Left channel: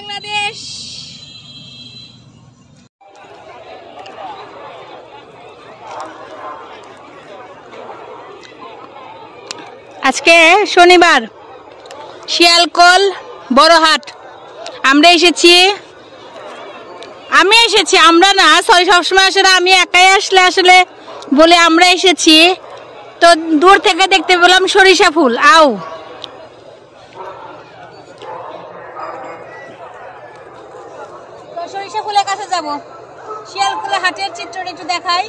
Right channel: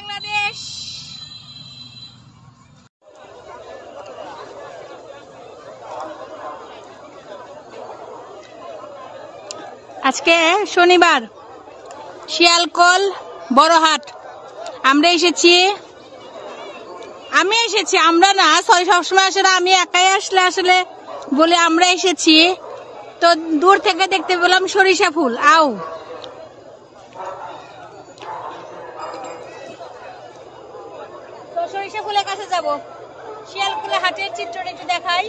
বাংলাদেশ। আজকে শনিবার, শিয়ালকোল বড়হাট। আমরা এসেছি, আমরা না, সরি, সবসময় আসলে আমি একাই আসলে বলে আমরা এসেছি। তো দূর থেকে দেখতে পেলাম সরিষা ফুল। তো সরিষা ফুলের কাছে যাব। শিয়ালকোল হাটের চিত্রটা একটু দেখাই।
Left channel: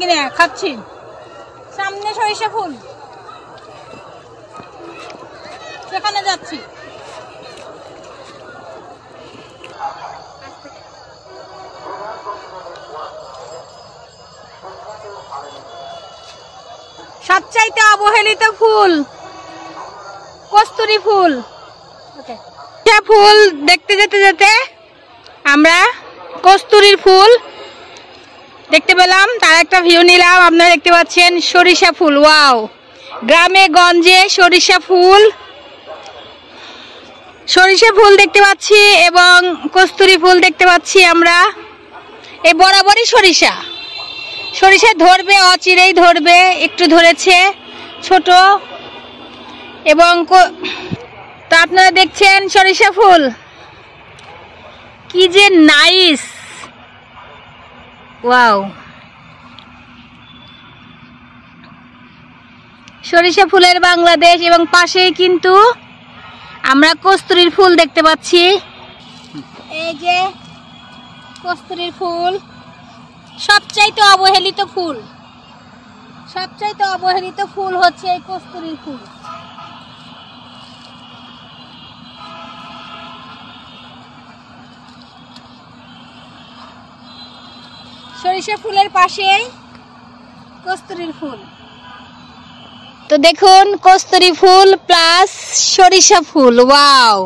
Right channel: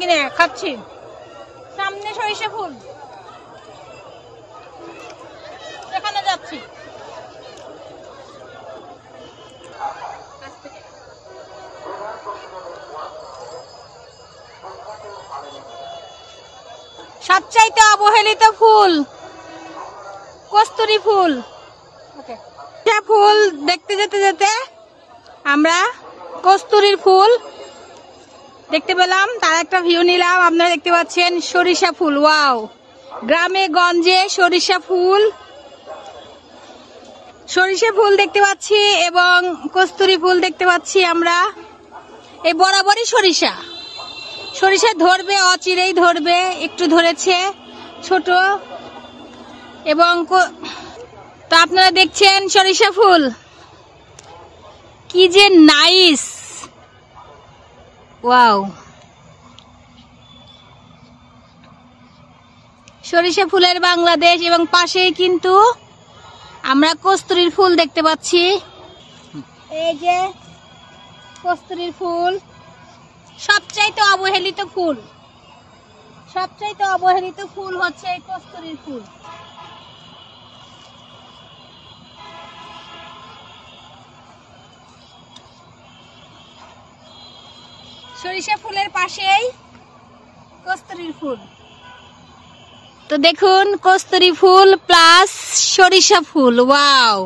কিনে খাচ্ছি, সামনে সরিষা ফুল, সেখানে যাচ্ছি। সবচাইতে অবহেলিত ফুল কস্তুরী ফুল। ফুল দেখতে যেতে আমরা কস্তুরীর ফুল দেখতে পেলাম, তার একটা ভিউ নিলাম। আপনারা দেখতে পাচ্ছেন সরিষা ফুল। ওয়াও, গ্রামে গঞ্জে সরিষা ফুল দেখতে পাচ্ছি এবং কস্তুরী ফুল দেখতে পাচ্ছি আমরা। এই বরাবরই সরিষা ধরবে, অচিরেই ধরবে, একটু ধরেছে ছোট। এবং তো আপনারা দেখছেন সরিষা ফুল কি যে নাইস। ওয়াও, সরিষা ফুলের বাংলাদেশ। এবং পাশেই কিন্তু আমরা কস্তুরীর ফুল দেখতে পাচ্ছি। এই যে কস্তুরীর ফুল, সবচাইতে অবহেলিত ফুল হচ্ছে এই কস্তুরীর ফুল। সরিষা ফুলের পাশেই কস্তুরীর ফুল। তো দেখুন, কস্তুরী ফুল প্লাস সরিষা ফুল। ওয়াও,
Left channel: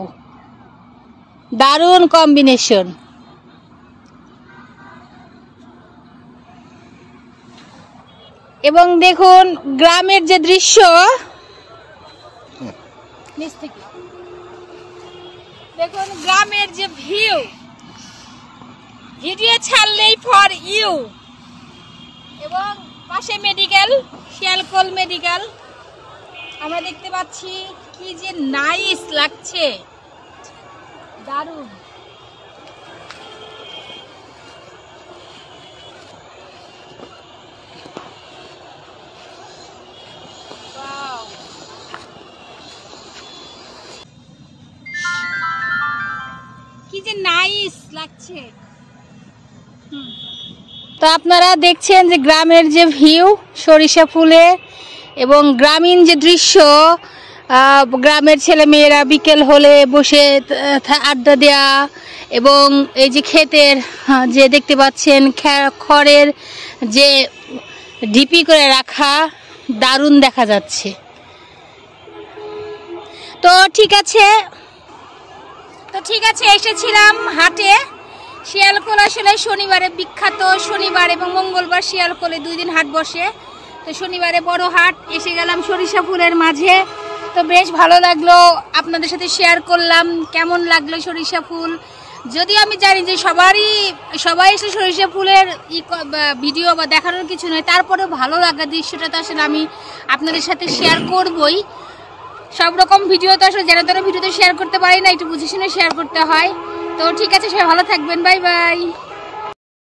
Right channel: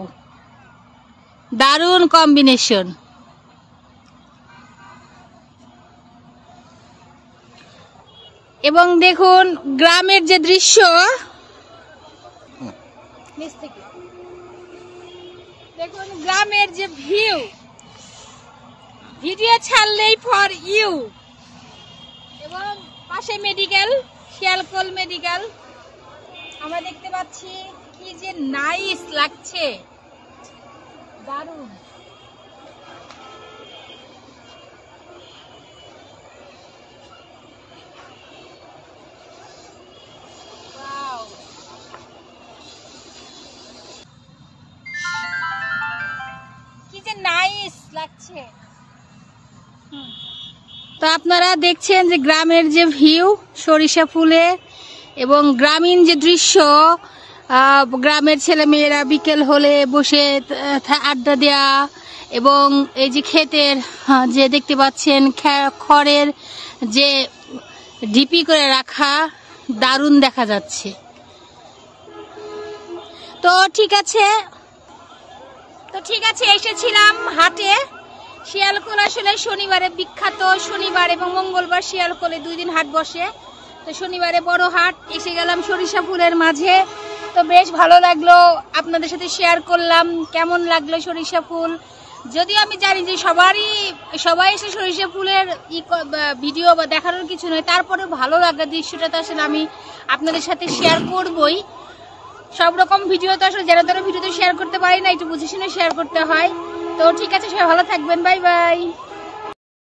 দারুণ কম্বিনেশন। এবং দেখুন গ্রামের যে দৃশ্য, দেখুন গ্রামের যে ভিডিও ছাড়লেই ফর ইউ। এবং পাশে মেডিকেল, শিয়ালকোল মেডিকেল আমরা দেখতে পাচ্ছি। কি যে নাইস লাগছে, দারুণ। কি যে নাইস লাগছে। তো আপনারা দেখছেন যে গ্রামের যে ভিউ সরিষা ফুলে এবং গ্রামীণ যে দৃশ্য, গ্রামের ছেলে মেয়েরা বিকেল হলে বসে আড্ডা দেয়া এবং এই যে ক্ষেতের যে দেখতে পাচ্ছেন খড়ের যে ঢিপি করে রাখা, দারুণ দেখা যাচ্ছে। তো ঠিক আছে এসেছিলাম হাটে। শিয়ালকোল আসলে শনিবারে বিখ্যাত, শনিবার এবং মঙ্গলবার শিয়ালকোলে 2 দিন হাট বসে। তো শনিবারে বড় হাট, এসে গেলাম সরিষা ফুলের মাঝে। তো বেশ ভালো লাগলো, আপনাদের সাথে শেয়ার করলাম কেমন লাগলো সরিষা ফুল। যদিও আমি জানি যে সবাই এসে সরিষা ফুলের ভিডিও বা দেখানোর কিছু নয়, তারপরেও ভালো লাগা দৃশ্যটা তো আসলে আমি আপনাদের সাথে শেয়ার করবই। সব রকম ভিডিও তো আসলে যারা ভিডিওতে শেয়ার করতে পারি না, একটু বুঝে শুনে শেয়ার করতে হয়। তো ঠিক আছে, সবাই ভালো থাকবেন, বাই বাই।